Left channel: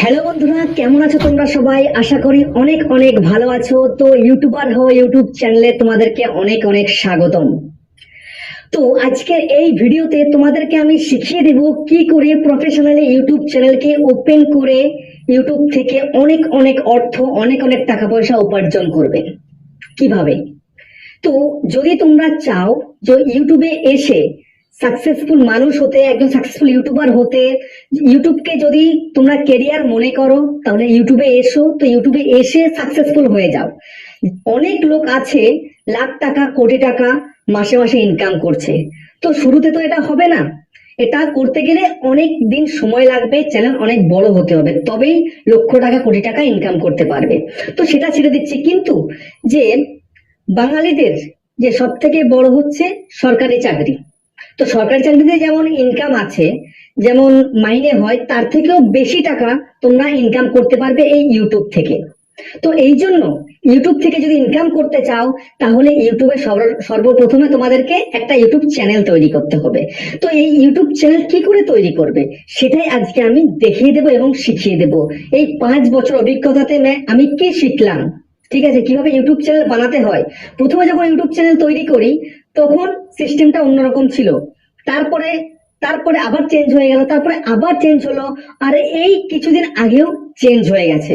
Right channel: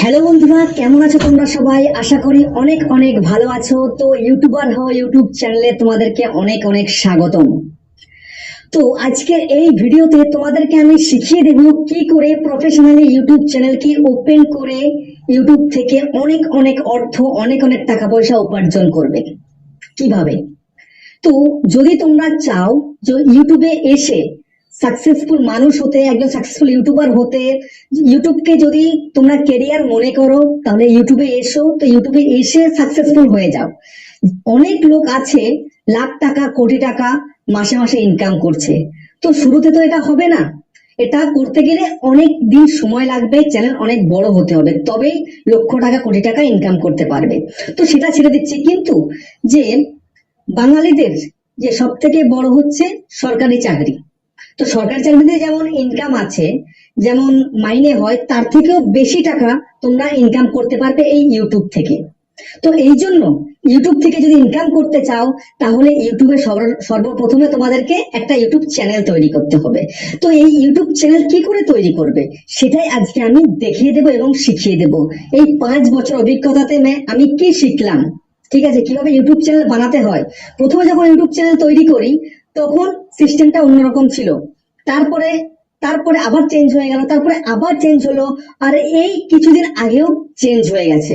Hello বন্ধুরা, কেমন আছো তোমরা সবাই? আশা করি অনেক অনেক ভালো আছো। তো ইউটিউবার হও ইউটিউব চ্যানেলে তোমাদেরকে অনেক অনেক স্বাগতম। তো আজকে এই ভিডিওতে তোমাদেরকে আমি শিখিয়ে দেব কি করে প্রফেশনালি ইউটিউব চ্যানেলকে ওপেন করে ইউটিউব থেকে অনেক অনেক অর্থ, অনেক অনেক টাকা পয়সা উপার্জন করবে কিভাবে। তো যদি তোমরা চাও যে ইউটিউবে এসে সাকসেসফুল মানুষ হতে, একজন সাকসেসফুল ইউটিউবার হতে, ইউটিউবকে যদি তোমরা কেরিয়ার মনে করো, তাহলে ইউটিউবে এসো। তো ইউটিউবে এসে সাকসেসফুল হয়ে যাও। অনেক লোক আছে লাখ টাকা কোটি টাকা মাসে মাসে ইনকাম করছে। তো শুরুতে তো এটা হবে না। এটা করতে গেলে অনেক দিন সময় লাগবে, চ্যানেল অনেক বড় হতে হবে, তবেই লক্ষ টাকা কোটি টাকা ইনকাম করতে পারবে। তো সেটা ছেড়ে দিচ্ছি, কিন্তু যে বাঙালিদের যে সব থেকে বড় হচ্ছে সরকারি চাকরি। তো সরকারি চাকরিতে যেমন ইনকাম আছে, যেমন মাইনে হয়, তার থেকেও বেশি টাকা তোমরা ইনকাম করতে পারবে এই ইউটিউব থেকে। তো এই জন্য ইউটিউব থেকে যদি ইনকাম করতে চাও, তাহলে ইউটিউবে সর্বপ্রথমে তোমাদেরকে একটা ইউটিউব চ্যানেল তৈরি করতে হবে। তো এই ইউটিউব চ্যানেল কি করে তৈরি করবে, সেটাই আজকে আমি দেখিয়ে দেবো এবং শিখিয়ে দেবো। এই 5 বছর অভিজ্ঞতাতে আমি কি শিখলাম, ঠিক আছে, কিভাবে ইউটিউব চ্যানেল বানাতে হয়। প্রথমে যখন ইউটিউব চ্যানেল তৈরি করি, তখন সিস্টেমটা অন্যরকম ছিল। তারপরে তারপরে আবার চেঞ্জ হয়ে গেল, তারপরে আবার চেঞ্জ হলো, আর এই কিছুদিন আগেও চেঞ্জ হয়ে গেছে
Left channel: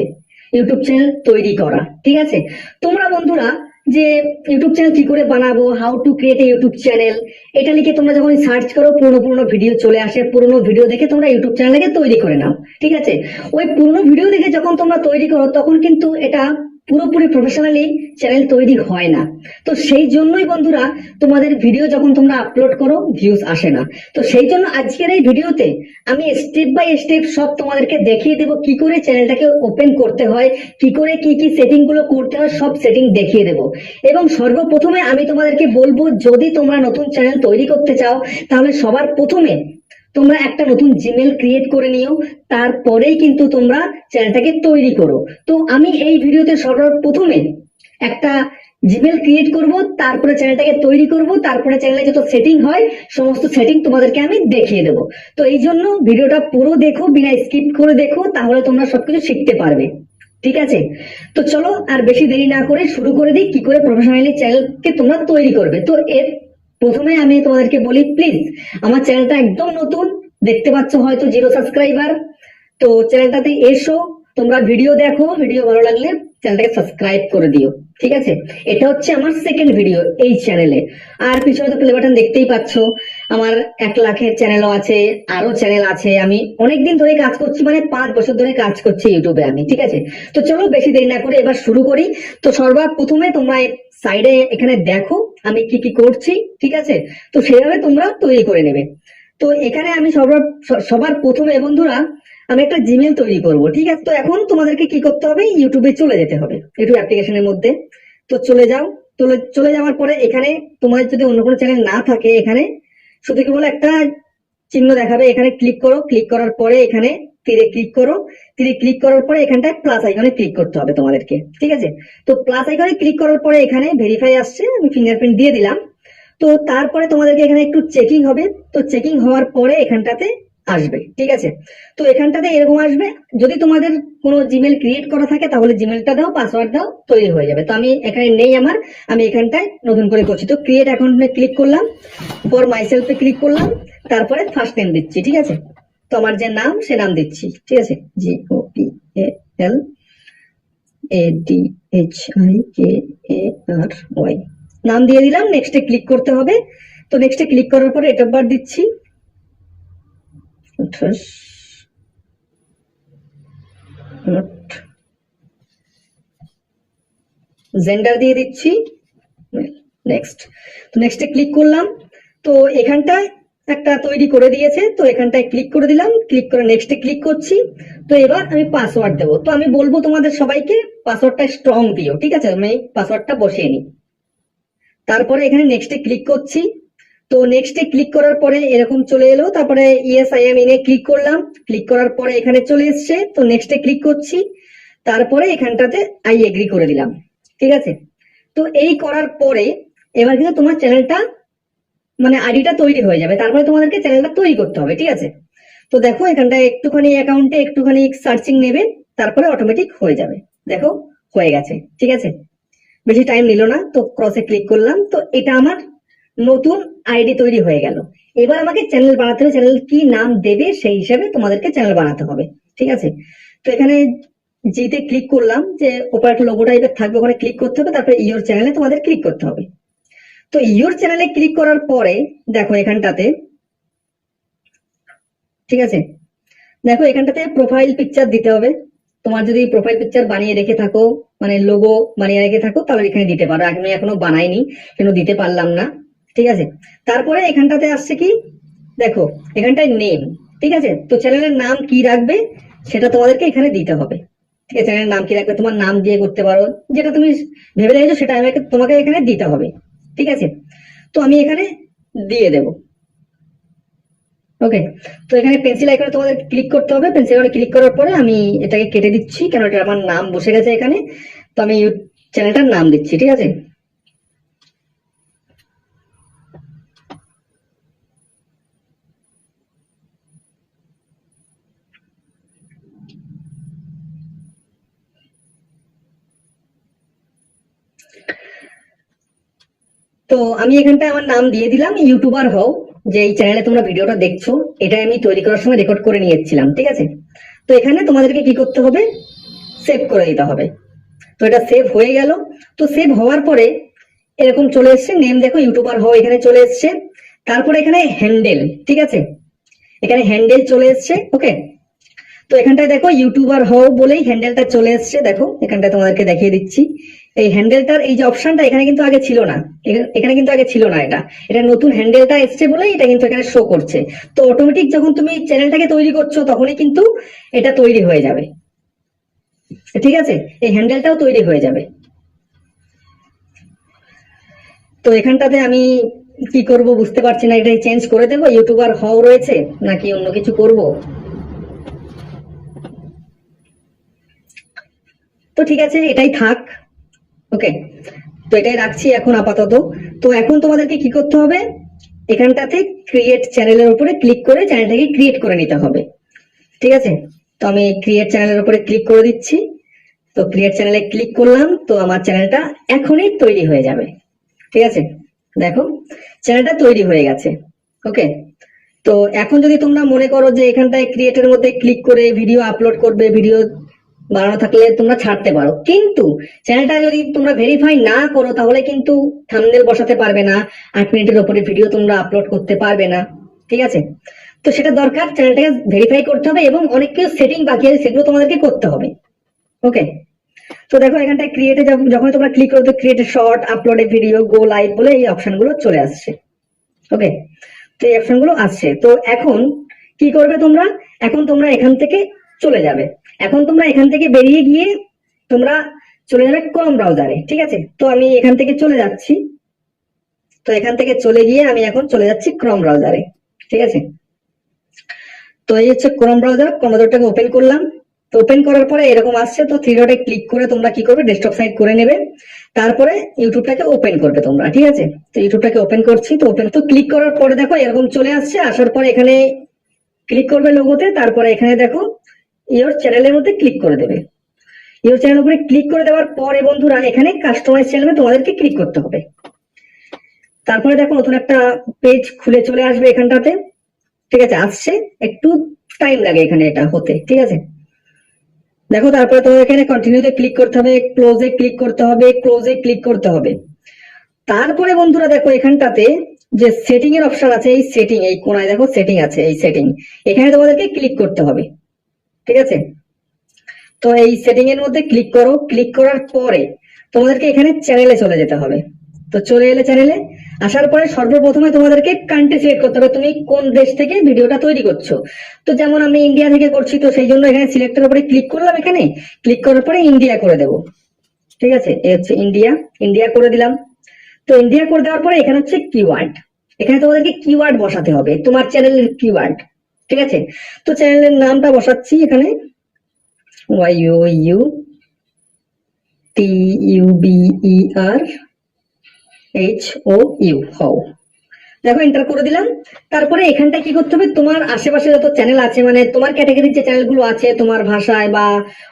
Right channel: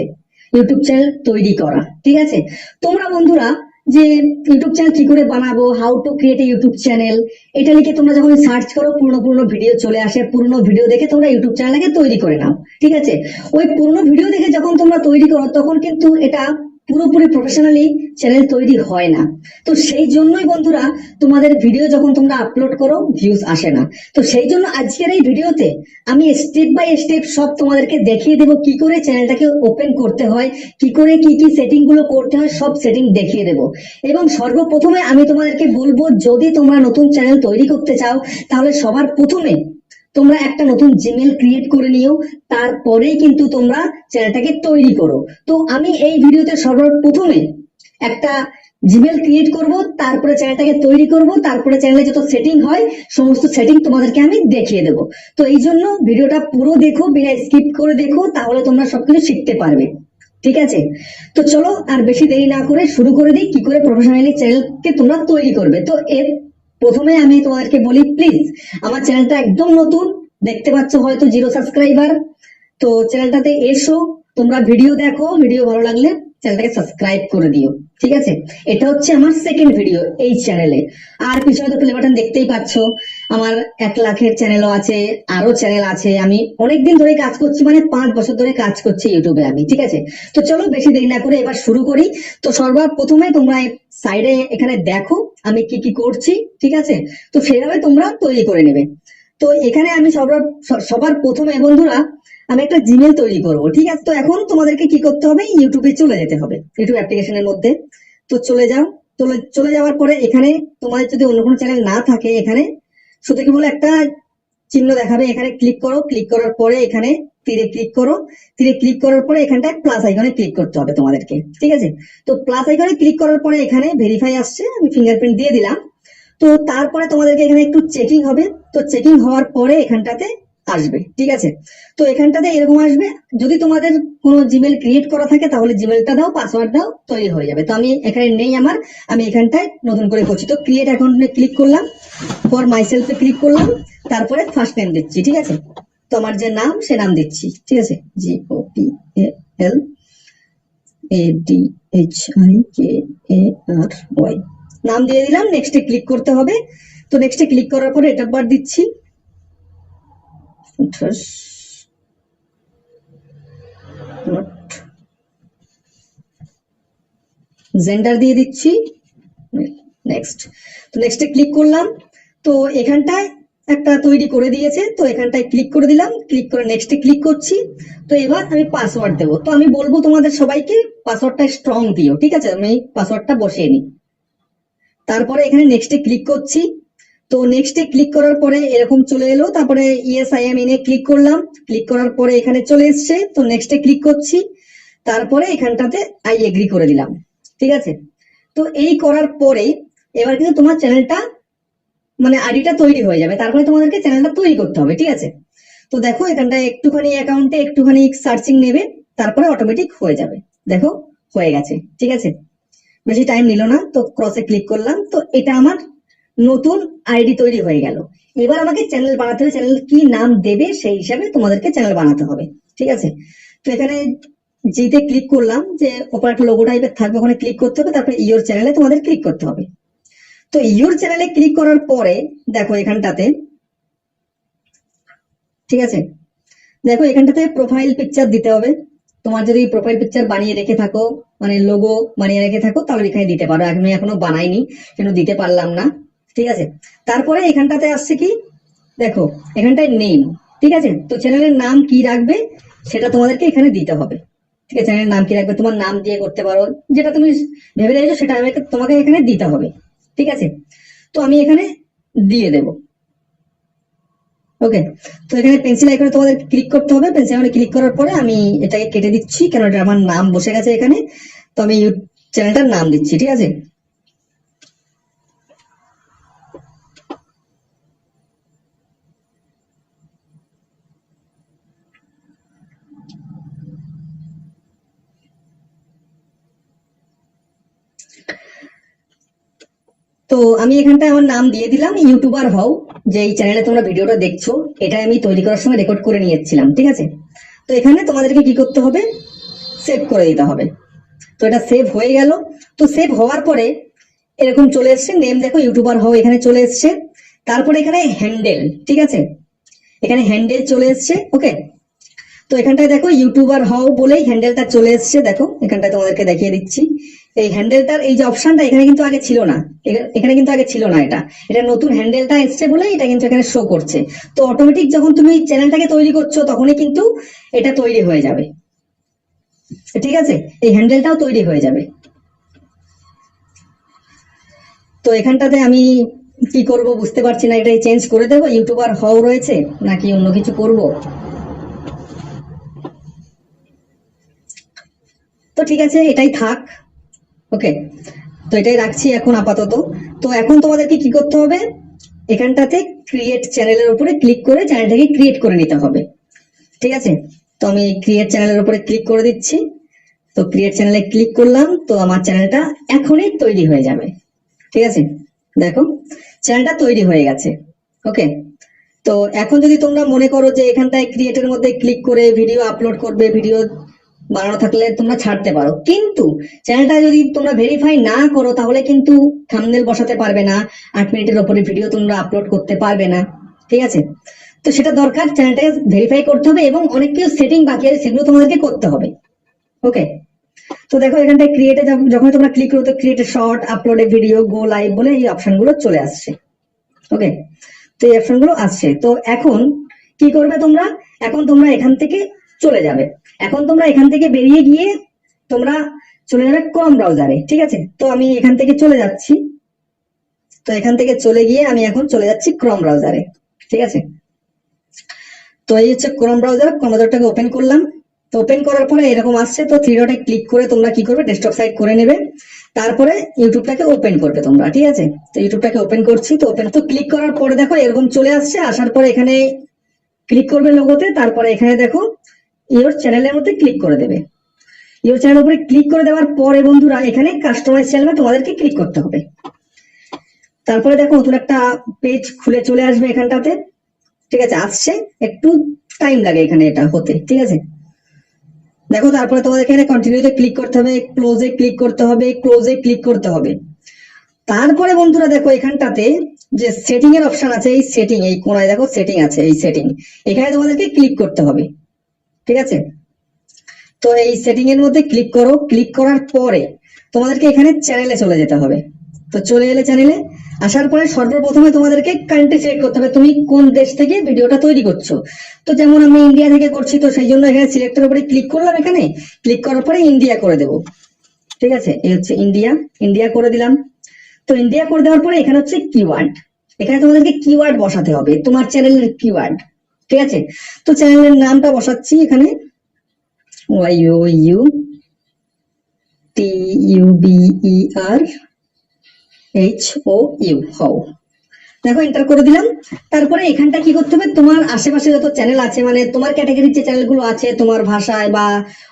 ইউটিউব চ্যানেল তৈরি করা। ঠিক আছে, তোমরা বন্ধুরা যে ইউটিউব চ্যানেল কি করে বানাবো, how to create a YouTube channel, এটা লিখে তোমরা যখন সার্চ করো, পুরনো পুরনো ভিডিও চলে আসে। পুরনো ভিডিও দেখে তোমরা ইউটিউব চ্যানেলটাকে তৈরি করে নাও। ঠিক আছে, ওই পুরনো ভিডিও দেখে যখন তোমরা তৈরি করো, তখন কিন্তু এটা পুরোপুরি প্রফেশনালি চ্যানেল তৈরি হয় না। তো সেই জন্যই বন্ধুরা, তোমাদের ভিডিও যখন তোমরা আপলোড করো, ভিউজ আসে না। তো সেই জন্য আজকের এই ভিডিওতে আমি স্টেপ বাই স্টেপ সব তোমাদেরকে দেখিয়ে দেবো কি করে চ্যানেলটাকে ওপেন করতে হয়, কি করে কি কি সেটিং গুলো করতে হয়, সব সেটিং দেখিয়ে দেবো। এবং সর্বপ্রথমে আমি তোমাদেরকে বলবো, যদি তোমরা নতুন চ্যানেল তৈরি করতে চাও, তাহলে সবার প্রথমে তোমরা একটা নতুন জিমেল ক্রিয়েট করে নিও। তারপরেই কিন্তু তোমরা চ্যানেলটাকে তৈরি করো। তো আমি এই ভিডিওতে সর্বপ্রথমে একটা জিমেল ক্রিয়েট করব, তারপরে চ্যানেলটাকে তৈরি করব, তারপরে চ্যানেলে যত সেটিং হয় সমস্ত সেটিং তোমাদেরকে আমি দেখিয়ে দেবো। তো এই জন্য ভিডিওটা পুরো দেখো, বিনা স্কিপ করে দেখো, তাহলে তোমরা সবকিছু শিখতে পারবে। ঠিক আছে, তো চলো আর বেশি দেরি না করে শুরু করে দিই কি করে প্রফেশনালি চ্যানেলকে তোমরা তৈরি করবে। তো এর প্রথমে আমি তোমাদেরকে বলি, প্লিজ আমার চ্যানেলটা একদম নতুন, দেখতে পাচ্ছ হয়তো 0 সাবস্ক্রাইবার। তো চ্যানেলটাতে এসো, তোমরা ভিডিও দেখো, ভিডিও ভালো লাগলে চ্যানেলটাকে সাবস্ক্রাইব করে দিও। ঠিক আছে, এটা হচ্ছে আমার সেকেন্ড ভিডিও এই চ্যানেলে। আর পিছনে তো প্লে বাটন দেখতেই পাচ্ছ। আমার 1 লাখের চ্যানেলও আছে, আরো চ্যানেল আছে। আমি অনেকদিন ধরে কাজ করছি, মানে 5 বছর ধরে কাজ করছি ইউটিউবে আমি। ঠিক আছে, তো চলো বেশি দেরি না করে এবার শুরু করি। তো সর্বপ্রথমে তোমরা সাইডে এখানে দেখো আমি কি কি করছি। ঠিক আছে, তো সেভাবে তোমরা তৈরি করে নেবে। তো এখানে আমি সবার প্রথমে বন্ধুরা আমি একটা জিমেল তৈরি করব। ঠিক আছে, তো এখন তোমাদেরকে কি করতে হবে, ইউটিউবে চলে যেতে হবে, ইউটিউব অ্যাপ্লিকেশনের মধ্যে। তো চলে যাও। চলে যাওয়ার পরে এখানে তোমার যদি অন্য কোনো চ্যানেল না থাকে, এখানে শুধু কি বলে একটা চিহ্ন দেখাবে, এখানে ক্লিক করো। ক্লিক করার পরে এখানে তীরে ক্লিক করো। তীরে ক্লিক করার পরে এখানটায় প্লাস আইকনে ক্লিক করতে হবে তোমাদেরকে। ঠিক আছে, তো প্লাস আইকনে ক্লিক করার পরে এখানে ভেরিফাই আসছে, আমি ফিঙ্গারপ্রিন্ট দিয়ে দিলাম। তো তারপরে তোমাদেরকে এখানে একটু চেকিং হবে। তো চেকিং হওয়ার পরে এখানটাতে আসবে। ঠিক আছে, তো এখানটাতে এরকম আসবে। যদি তোমাদের কোনো জিমেল ক্রিয়েট করা থাকে, তাহলে জিমেলটা দাও, পাসওয়ার্ড দাও, তৈরি হয়ে যাবে। তো আমি এখানে নেই আমার, আমি এখানটায় নতুন করে করছি। তো ক্রিয়েট অ্যাকাউন্টে ক্লিক করলাম, ফর মাইসেলফে ক্লিক করলাম, তারপরে ফার্স্ট নেম দিচ্ছি। ঠিক আছে, তো আমার যে নাম সে নাম দিচ্ছি। ঠিক আছে, GOPALADHIKARY নাম দিয়ে দিলাম। নেক্সটে ক্লিক করতে হবে। তো নেক্সটে ক্লিক করার পরে ডেট অফ বার্থ দিচ্ছি, 28 জেন্ডার দিয়ে দিচ্ছি, নেক্সট। তো নেক্সটে ক্লিক করলাম। তো এখানটায় একটা তৈরি করে দিয়েছে, তো এখানটায় ক্লিক করে দিলাম। ক্লিক করে নেক্সটে ক্লিক করছি। তো এবার আমি পাসওয়ার্ড দেবো। তো আমি বলবো তোমাদের সবাইকে পাসওয়ার্ডটা স্ট্রং দিও। ঠিক আছে, আমি পাসওয়ার্ডটা বসিয়ে নিই। তারপরে এখানে নেক্সটে ক্লিক করছি। তো নেক্সটে ক্লিক করার পরে এরকম চলে এলো। তারপরে ইয়েস আই এম ইনে ক্লিক করলাম। ক্লিক করার পরে এখানে চলে এসছে। তো নেক্সটে ক্লিক করছি। তারপরে এখানটাতে আই এগ্রি করে দিলাম। ঠিক আছে, তো এই করার পরে এবার কিন্তু তোমার চ্যানেলটা, মানে আইডিটা তৈরি হয়ে যাবে। তারপরে তোমাদেরকে চ্যানেলটা তৈরি করতে হবে। ঠিক আছে, তো দেখো এখানটায় একটুখানি অ্যাকাউন্টে একটুখানি সার্চিং নেবে, তারপরে অটোমেটিক হয়ে যাবে। দেখো হয়ে গেছে, ঠিক আছে, বেশি টাইম নিল না। তো ক্রসে ক্লিক করলাম, তো এটা আমার নতুন আইডি তৈরি হয়ে গেল। এবার আমাকে চ্যানেল বানাতে হবে, চ্যানেল কি নাম দেবে সেই হিসাবে তোমাদেরকে চ্যানেল বানাতে হবে, ঠিক আছে। তো এখানে যেতে ক্লিক করলাম, যে ওপরে একটা লোগো টাইপের থাকবে, ওখানে ক্লিক করতে হবে, তারপরে ইওর চ্যানেলে তোমাদের ক্লিক করতে হবে। তো ইওর চ্যানেলে ক্লিক করার পরে দেখো এখানটাতে, ঠিক আছে, দেখো এখানটাতে প্রোফাইল পিকচার দিতে হবে। তোমার যদি প্রোফাইল পিকচার বানিয়ে রেখে থাকো, মানে লোগো বানিয়ে রেখে থাকো, তাহলে এখানে দিতে পারো। আমি এখনো বানাইনি, কেন দিতে পারলাম না, ঠিক আছে। তারপরে এখানটাতে আসছে কি, দেখো এখানটায় নেম, ঠিক আছে। তো চ্যানেলের নাম কি রাখবে সেটা তোমাদেরকে এখানে দিতে হবে, ঠিক আছে। চ্যানেলের নাম কি রাখবে, তোমার নাম দিয়ে করতে পারো, যেটা তুমি ভেবে রেখেছো সেটা তোমাকে এখানে দিতে হবে, ঠিক আছে। তো আমি এখানে দিয়ে দেবো, ওকে। তো এখানে পেন্সিল আইকনে তোমাদের ক্লিক করতে হবে, পেন্সিল আইকনে ক্লিক করার পরে আমি এটাকে কেটে দিচ্ছি, কেন এটা আমার নাম বসে গেছে এখানে। তো আমি চ্যানেলটার নাম দিচ্ছি, ঠিক আছে। তো আমি এখানটায় আমার নাম দিয়ে দিলাম ইউটিউবার হও, যে এই চ্যানেলে তোমরা ভিডিওটা দেখছো, এটা আমি তৈরি করার সময় রেকর্ড করে নিয়েছিলাম, ঠিক আছে। তো এখানে তোমাদেরকে কি করতে হবে, সেভ করে দিতে হবে। তো এটা সেভ হয়ে গেল। তো সেভ হওয়ার পরে এরকম চলে এসছে নেম, দেখো ইউটিউবার হও এখানে চলে এসছে। তারপরে এখানে হ্যান্ডেল, ঠিক আছে, এখানে হ্যান্ডেল চলে এসছে, ওকে। তো এখানটায় দেখো ইউটিউবার হও বলেই হ্যান্ডেলটা চলে এসছে, দেখো এখানটায় তোমাদেরকে দেখিয়ে দিচ্ছি। এই হ্যান্ডেলটার এই যে অপশনটা এখানে কিন্তু আগে ছিল না, এখানে কিন্তু আগে ছিল না, এটা এটা নতুন হ্যান্ডেলটা এসছে বলেই এটা কিন্তু এখানে শো করছে। তো অটোমেটিক যখন তুমি চ্যানেলটাকে তৈরি করছো তখনই কিন্তু এটা তৈরি হয়ে যাবে, ঠিক আছে, এই হ্যান্ডেলটাও তৈরি হয়ে যাবে। তো এখানটাতে আমি কি করব বুঝতে পারছি না, এটাই চেঞ্জ করে দেবো, ইউটিউবার হও রয়েছে নাকি অন্য কিছু করব। তো ঠিক আছে, এটাই থাক, ওকে। তো এটাই রাখছি এখন আপাতত। তো এখন তোমাদেরকে কি করতে হবে, এখানটাতে ক্রিয়েট চ্যানেলের উপরে ক্লিক করে চ্যানেলটাকে ক্রিয়েট করে নিতে হবে, ঠিক আছে। তো আমি ক্রিয়েট চ্যানেলের উপরে ক্লিক করে দিচ্ছি। তো ক্রিয়েট চ্যানেলে ক্লিক করলাম, তো আমার চ্যানেলটা এখনই তৈরি হয়ে যাবে, ঠিক আছে। দেখো চ্যানেলটা তৈরি হয়ে গেছে, ওকে। তো এখন যদি তোমরা মনে করো যে এখানটায় ক্রিয়েটের মধ্যে ক্লিক করে ভিডিও আপলোড করবে, ভিডিও বানানো থাকলে তোমরা ছাড়তে পারো, কিন্তু চ্যানেলটা যদি তোমরা ভেরিফাই না করো তাহলে কিন্তু থাম্বনেল বসাতে পারবে না, 8 মিনিটের উপরে ভিডিও তোমরা আপলোড করতে পারবে না, ঠিক আছে। তো সেটা দরকার, চ্যানেলটাকে ভেরিফাই করতে হবে এবং অনেক কিছু সেটিং বাকি আছে সেগুলো তোমাদেরকে করতে হবে, ওকে। তো দেখো এখানটায় ক্রিয়েটে যখন তোমরা ক্লিক করো তো ক্রিয়েট শর্ট, আপলোড এ ভিডিও, গো লাইভ বলে এই অপশন গুলো চলে আসছে, ওকে। তো এই অপশন গুলো আসছে। তো এখন কি করবে তোমরা, এখন তোমরা এখান থেকে চলে যাবে, এখন তোমরা এখান থেকে বেরিয়ে গিয়ে তোমরা চলে যাবে ক্রোম ব্রাউজারে, ঠিক আছে। তো আমি এখান থেকে চলে যাচ্ছি, তো এখান থেকে চলে গিয়ে আমি এখন চলে যাচ্ছি ক্রোম ব্রাউজারে, ঠিক আছে। তো এই হচ্ছে ক্রোম ব্রাউজার, ক্রোম ব্রাউজারটাকে ওপেন করলাম। তো ওপেন করার পরে এরকম আসছে, তো থ্রি ডটে ক্লিক করে তোমরা কি করবে, ডেস্কটপ সাইড করে নেবে, তারপরে ইউটিউবটাকে ওপেন করবে তোমরা, ঠিক আছে। তো ইউটিউবটাকে ওপেন করছি, তো ওপেন তো ক্লিক করার পরে দেখো এরকম চলে আসছে, আসার পরে এখানে ক্লিক করবে লোগোতে, তারপরে এখানে দেখো ইওর চ্যানেলের মধ্যে ক্লিক করে দেবে। ইওর চ্যানেলের উপরে ক্লিক করে দেওয়ার পরে বন্ধুরা এখানে কাস্টমাইজ চ্যানেলে তোমাদেরকে ক্লিক করতে হবে। তারপরে দেখো নতুন একটা পেজ খুলে চলে আসবে এখানটাতে, ঠিক আছে, আসছে, একটু টাইম লাগে এখানে এটা হতে, ঠিক আছে। দেখো তারপরে তোমাদের এখানে কন্টিনিউতে ক্লিক করতে হবে, ক্লোজে ক্লিক করতে হবে, ক্লোজে ক্লিক করতে হবে। তারপরে বন্ধুরা দেখো এখানটাতে যে সেটিং এর অপশন আছে, এই সেটিং, এই কোনায় দেখো সেটিং আছে, এই সেটিং, এখানে তোমাদেরকে ক্লিক করতে হবে, ঠিক আছে। তো এই সেটিং এর মধ্যে ক্লিক করো, ক্লিক করার পরে তোমাদেরকে এখানে চ্যানেলে চলে যেতে হবে। তো চলে এলে চ্যানেলে, আসার পরে সর্বপ্রথমে তোমাদেরকে কান্ট্রি সিলেক্ট করতে হবে, তুমি কোন দেশ থেকে ভিডিওটা তৈরি করছো। তো যেমন আমি ইন্ডিয়া থেকে করছি, তো সেই জন্য এখানে সিলেক্টের উপরে ক্লিক করলাম, এখানে ক্লিক করার পরে ইন্ডিয়া করে দেবো, ঠিক আছে। এই হচ্ছে ইন্ডিয়া, ইন্ডিয়া করে দিলাম। তো ইন্ডিয়া করে দেওয়ার পরে এখানে হচ্ছে কিওয়ার্ড, এখানে তোমাদেরকে কিওয়ার্ড বসাতে হবে, তোমার চ্যানেলের কিওয়ার্ড, ঠিক আছে। তো চ্যানেলের নামটা বসাচ্ছি এখানে, YOUTUBER HOU, হও। দেখো এন্টার করে দিলাম। তারপরে এখানটা কি করতে হবে, তোমার আশেপাশে যত চ্যানেল আছে, মানে তোমার ক্যাটাগরির যে চ্যানেলগুলো আছে তোমার ভাষায় বা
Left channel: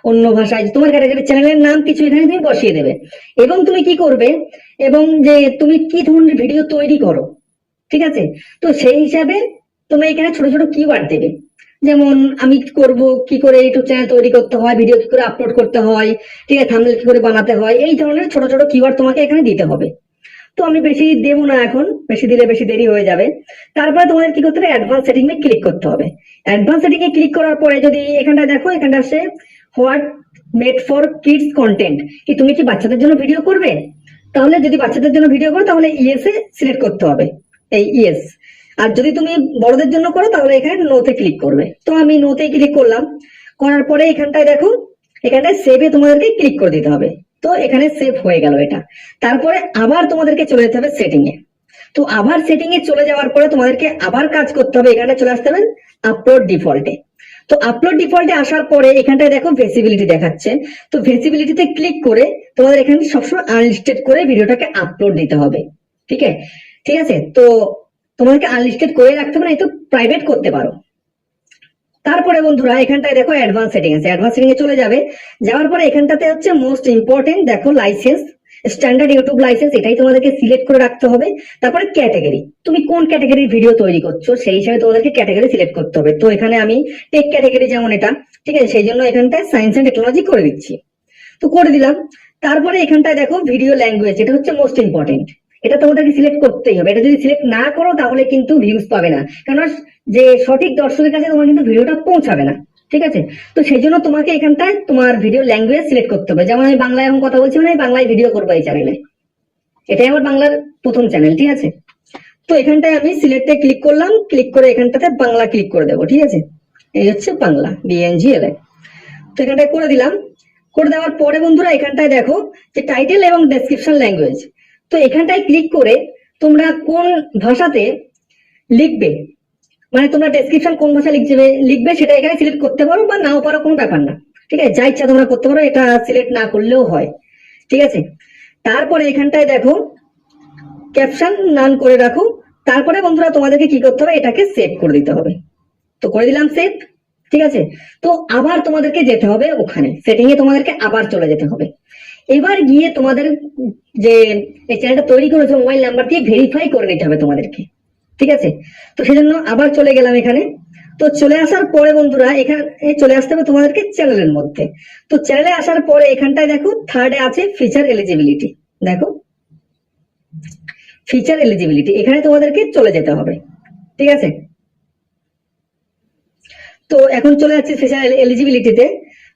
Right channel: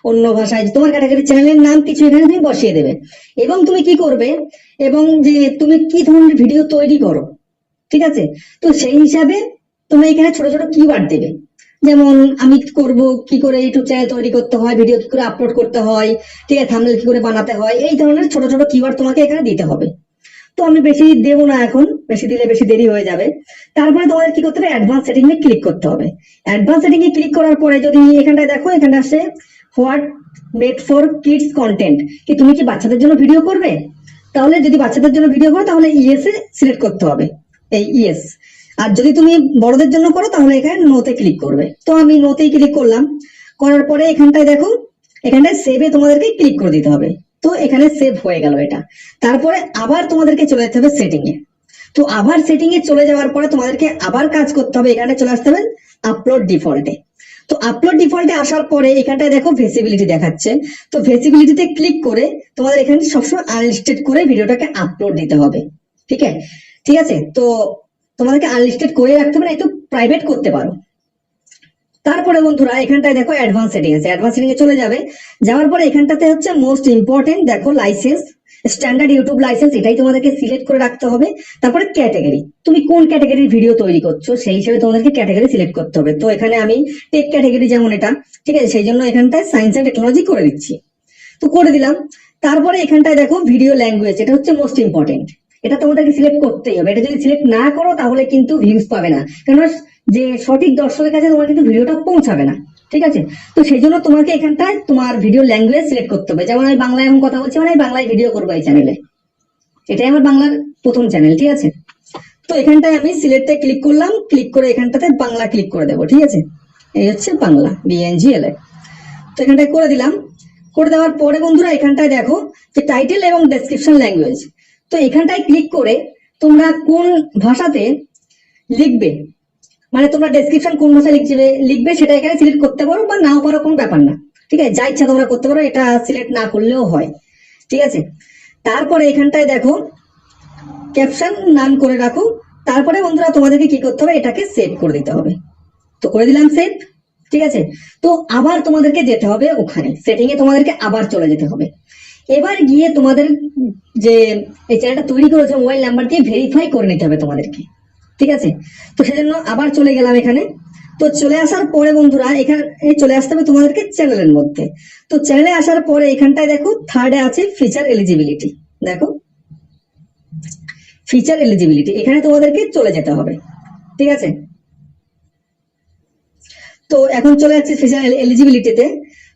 অন্য ভাষায়, তোমার ক্যাটাগরির চ্যানেলের নাম কিছু এখানে তুমি বসিয়ে দেবে। এবং তুমি কি করবে, এবং যে তুমি কি ধরনের ভিডিও তৈরি করো, ঠিক আছে, তো সেই হিসাবে তুমি এখানে ছোট ছোট কিওয়ার্ড দেবে। যেমন আমি করব কি করে ইউটিউব চ্যানেল তৈরি করতে হয়, ভিডিও কি করে আপলোড করতে হয়, ঠিক আছে, থাম্বনেল কি করে বানাতে হয়, এই ধরনের ছোট ছোট কিওয়ার্ড তোমাকে এখানে দিতে হবে। তো আমি বেশি দেবো না এখন, বেশি দিলে বেশি দেরি হয়ে যাবে। তারপরে তোমাদের কি করতে হবে, অ্যাডভান্স সেটিং এ ক্লিক করতে হবে। অ্যাডভান্স সেটিং এ ক্লিক করার পরে যদি এখানটায় দেখো, এখানটা আসে what made for kids content, কি তুমি কি বাচ্চাদের জন্য ভিডিও করবে, তাহলে যদি বাচ্চাদের জন্য ভিডিও করো তাহলে ইয়েস এ সিলেক্ট করতে হবে, এই ইয়েস। আর যদি তুমি বড়দের জন্য করো তাহলে এখানে নোতে ক্লিক করবে। তো আমি নোতেই ক্লিক করলাম। করার পরে এখানটায় দেখো, এখানটায় সেভে তোমাদেরকে ক্লিক করে দিতে হবে। তো এখানে সেভ হয়ে গেল এটা। তারপরে আবার তোমাদেরকে চলে যেতে হবে সেটিং এ। তো আবার সেটিং এ চলে যাওয়ার পরে তোমাদেরকে আবার কাজ করতে হবে, এখানে চলে আসতে হবে আপলোড ডিফল্টে। তো আপলোড ডিফল্টে আসার পরে এখানটায় দেখো ভিজিবিলিটি দেখাচ্ছে। তো ভিজিবিলিটিতে ক্লিক করে তোমাদের এখানে সবসময় আনলিস্টেড করে ভিডিওটাকে আপলোড দিতে হবে। ঠিক আছে, ঠিক আছে। তো তোমাদেরকে আনলিস্টেড করে রাখতে পারো, এই তো প্রাইভেট করতে পারো। তারপরে বন্ধুরা এখানটায় দেখো অ্যাডভান্স সেটিং আছে, অ্যাডভান্স সেটিং এ চলে যাবে। যাওয়ার পরে এখানটাতে হচ্ছে মোস্ট ইম্পর্টেন্ট, দেখো লাইসেন্স, স্ট্যান্ডার্ড ইউটিউব লাইসেন্স, এটাই তোমাদেরকে সিলেক্ট করে রাখতে হবে। তারপরে ক্যাটাগরি, তুমি কোন ক্যাটাগরির ভিডিও তৈরি করছো সেই হিসাবে তোমাদেরকে ক্যাটাগরি সিলেক্ট করতে হবে। তো এখানে আমি টেক ক্যাটাগরি যেমন এটা, ঠিক আছে, সেই জন্য এখানটায় সায়েন্স এন্ড টেকনোলজি করে দিচ্ছি। তো করে দিলাম। তারপরে এখানটায় দেখো ভিডিও ল্যাঙ্গুয়েজ, এটা হচ্ছে মোস্ট ইম্পর্টেন্ট, এটা তোমাদেরকে সিলেক্ট করতেই হবে। এটা যদি সিলেক্ট না করো তাহলে কিন্তু ভিউজ পাবে না, কারণ যে সঠিক দর্শকের কাছে তোমার কিন্তু ভিডিওটা পৌঁছাবে না। ঠিক আছে, তো সেই জন্য তোমাকে এখানটায় তোমার ভিডিও ল্যাঙ্গুয়েজ সিলেক্ট করতে হবে। যেমন আমি বাংলায় এখন কথা বলছি, মানে আমি বাংলায় ভিডিও করবো এই চ্যানেলে, এটাই আমার বাংলার প্রথম চ্যানেল, ঠিক আছে। তো এখানটায় আমি সিলেক্টে ক্লিক করলাম, ক্লিক করে এখানটাতে বাংলা ক্লিক করে দেবো, ঠিক আছে। এই হচ্ছে বাংলা, BNGLA। তো এখানটায় করে দিলাম। করে দেওয়ার পরে বন্ধুরা এখানটায় দেখো যে টাইটেল এবং ডেসক্রিপশন ল্যাঙ্গুয়েজ, তো এখানটায় ক্লিক করে তোমরা কোন ভাষাতে লিখবে, মানে তোমরা ডেসক্রিপশন কোন ভাষায় লিখবে সেটা এখানে সিলেক্ট করতে পারো, বা নাও পারো, কোনো ব্যাপার না। ঠিক আছে, যা ইচ্ছা তোমরা করতে পারো, এটা সিলেক্ট না করলেও হয়। ঠিক আছে, তারপরে এখানটায় দেখো ক্যাপশন নান করে রাখো। তারপরে বন্ধুরা তোমাদেরকে কি করতে হবে, এটাকে সেভ করে দিতে হবে। তো করে দিলাম সেভ। ঠিক আছে, তো আবার তোমাদেরকে যেতে হবে ওখানে সেটিং এ, তোমাদেরকে আবার চলে যেতে হবে। এবার গিয়ে তোমাদের যে এই চ্যানেলটা তৈরি করেছো মোবাইল নাম্বার দিয়ে ভেরিফাই করে নিতে হবে তোমাদেরকে। ঠিক আছে, তো সেজন্য আবার চলে গেলাম এখানে। তো চলে আসার পরে বন্ধুরা এখানে চলে আসতে হবে তোমাদেরকে চ্যানেলের মধ্যে। তো চ্যানেলে আসার পরে এখানটায় দেখো থার্ডে আছে ফিচার এলিজিবিলিটি, দেখো ফিচার এলিজিবিলিটি, এখানে তোমাদেরকে চলে যেতে হবে। ঠিক আছে, তো এখন চলে যাচ্ছে ফিচার এলিজিবিলিটিতে।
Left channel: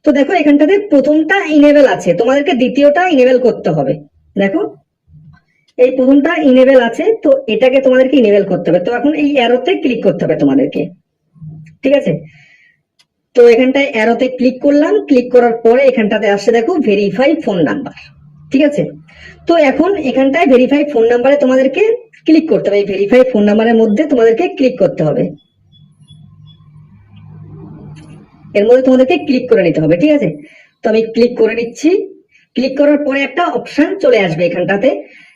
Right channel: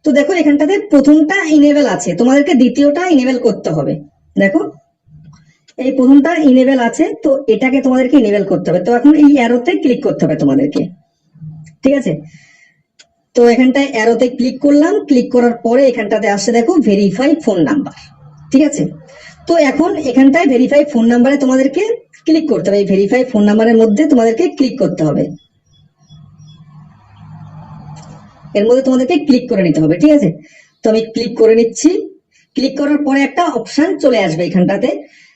তো দেখো এখানটাতে প্রথমটা ইনেবল আছে, তোমাদেরকে দ্বিতীয়টা ইনেবল করতে হবে। দেখো এই প্রথমটা ইনেবল আছে, তো এটাকে তোমাদেরকে ইনেবল করতে হবে। তো এখন এই অ্যারোতে ক্লিক করতে হবে তোমাদেরকে। ঠিক আছে, তো এখানটায় অ্যারোতে ক্লিক করলাম, ক্লিক করার পরে এখানটাতে আসছে দেখো ভেরিফাই ফোন নাম্বার। ঠিক আছে, তো এখন এখানটায় ভেরিফাই ফোন নাম্বারে তোমাদেরকে ক্লিক করতে হবে, এই ভেরিফাই ফোন নাম্বারের মধ্যে তোমাদেরকে ক্লিক করতে হবে, এর মধ্যে তোমাদেরকে ক্লিক করে নিতে হবে। ঠিক আছে, তো আমি ক্লিক করে নিচ্ছি। ক্লিক করার পরে একটা অপশন চলে আসবে এখানটাতে,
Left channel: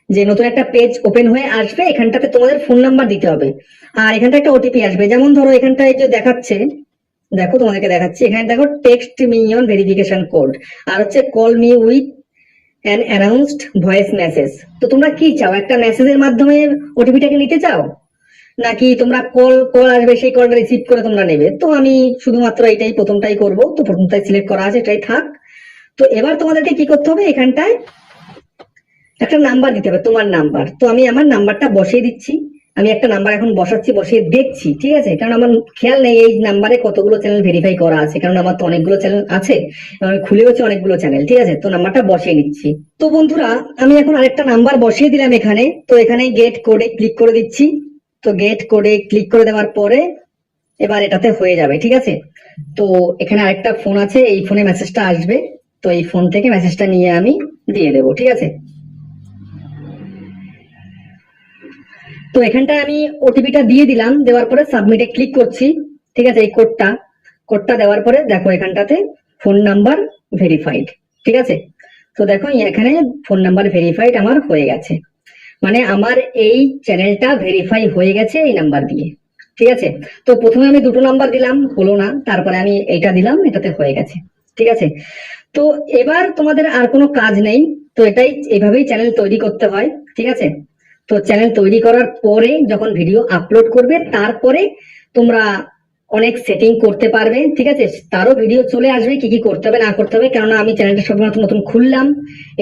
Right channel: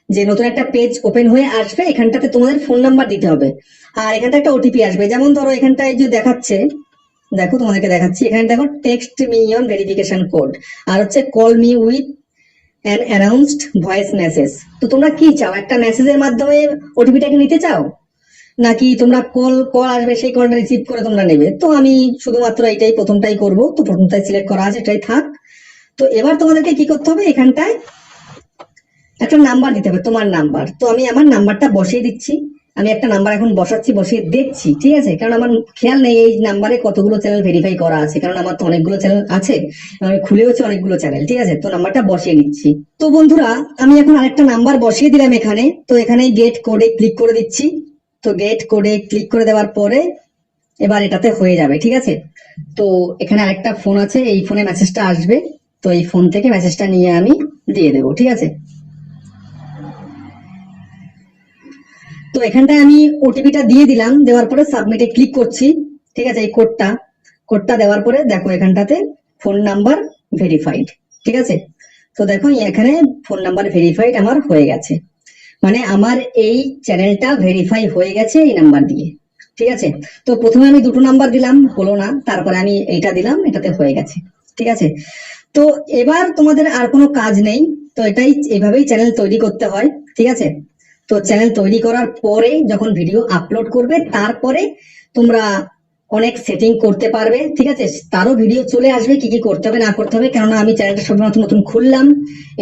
যে নতুন একটা পেজ ওপেন হয়ে আসবে, এখানটাতে তোমাদের ফোন নাম্বার দিতে হবে। আর এখানটা একটা ওটিপি আসবে, যেমন ধরো এখানটায় যে দেখাচ্ছে, দেখো তোমাদেরকে দেখাচ্ছি, এখানে দেখো text me on verification code, আর হচ্ছে call me with an announced voice message. তো তোমরা কি চাও, একটা মেসেজের মাধ্যমে ওটিপিটাকে নিতে চাও, নাকি তোমরা কল আসবে সেই কলটা রিসিভ করে তোমরা নেবে? তো আমি শুধুমাত্র এটাই প্রথমটাই করব, তো প্রথমটাই সিলেক্ট করা আছে, এটাই থাক। তো এবার তোমাদেরকে কি করতে হবে, এখানটায় একটা নাম্বার দিতে হবে, তোমার নাম্বার। তো আমি আমার নাম্বারটা বসিয়ে দিচ্ছি, আমি একটা নাম্বার এখন বসাচ্ছি, বসিয়ে দেখছি। ঠিক আছে, কারণ আমার খেয়াল নেই এই নাম্বারে কতগুলো চ্যানেল ভেরিফাই করা আছে, কারণ আমার তো অনেকগুলো চ্যানেল আছে, খুলে হচ্ছে অনেকগুলো চ্যানেল। ঠিক আছে, তো নাম্বারটা বসিয়ে নিচ্ছি। তো বন্ধুরা আমি এখন আরেকটা নাম্বার বসিয়ে দিলাম এখানে। তো এখানে গেট কোডে ক্লিক করে দিচ্ছি। তো গেট কোডে ক্লিক করে দেওয়ার পরে এবার এটাতে হয়ে যাবে। ঠিক আছে, তো এখানে আরেকটা ফোন আছে, এই ফোনে মেসেজটা আসবে, তো এই ফোন থেকে মেসেজটা নিয়ে আমি দিয়ে দেবো। ঠিক আছে, তো এখানটায় আমি ওটিপিটা দিয়ে দিলাম, দেওয়ার পরে সাবমিটে ক্লিক করছি। ঠিক আছে, এই কোডটা দেওয়ার পরে দেখো এখানটাতে ফোন নাম্বার ভেরিফাইড। ঠিক আছে, তো দেখো এখানে ফোন নাম্বার ভেরিফাইড আমার হয়ে গেছে। মানে আমার এই চ্যানেলটা ভেরিফাই হয়ে গেছে এই নাম্বার দিয়ে। ঠিক আছে, তো প্রথমে আমি দুটো নাম্বার দিলাম, হলো না, তারপরে আমি এইটা দিলাম, এটাতে হয়ে গেছে। ঠিক আছে, তো এবার তোমাদের আর কোনো কাজ নেই। তো এটাই, এভাবেই চ্যানেল তৈরি করতে হয়। ঠিক আছে, তো চ্যানেল তৈরি করার পরে যখন ভিডিও আপলোড করবে তারপরে তোমরা অনেক সেটিং করতে পারবে। ঠিক আছে, তারও ভিডিও চলে আসবে কি কি করতে হবে না করতে হবে, কেননা আমি চ্যানেলটা সবেমাত্র নতুন খুললাম,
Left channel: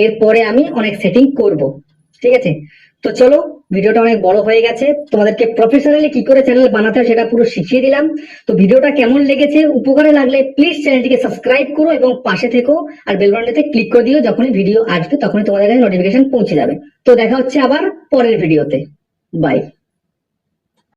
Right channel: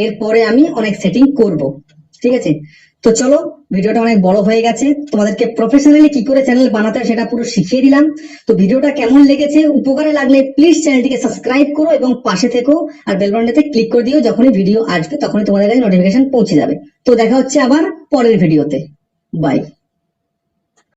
এরপরে আমি অনেক সেটিং করব। ঠিক আছে, তো চলো, ভিডিওটা অনেক বড় হয়ে গেছে, তোমাদেরকে প্রফেশনালি কি করে চ্যানেল বানাতে হয় সেটা পুরো শিখিয়ে দিলাম। তো ভিডিওটা কেমন লেগেছে, উপকারে লাগলে প্লিজ চ্যানেলটিকে সাবস্ক্রাইব করো এবং পাশে থেকো, আর বেল বাটনটাতে ক্লিক করে দিও, যখনই ভিডিও আসবে তখনই তোমাদের কাছে নোটিফিকেশন পৌঁছে যাবে। তো দেখা হচ্ছে আবার পরের ভিডিওতে। বাই।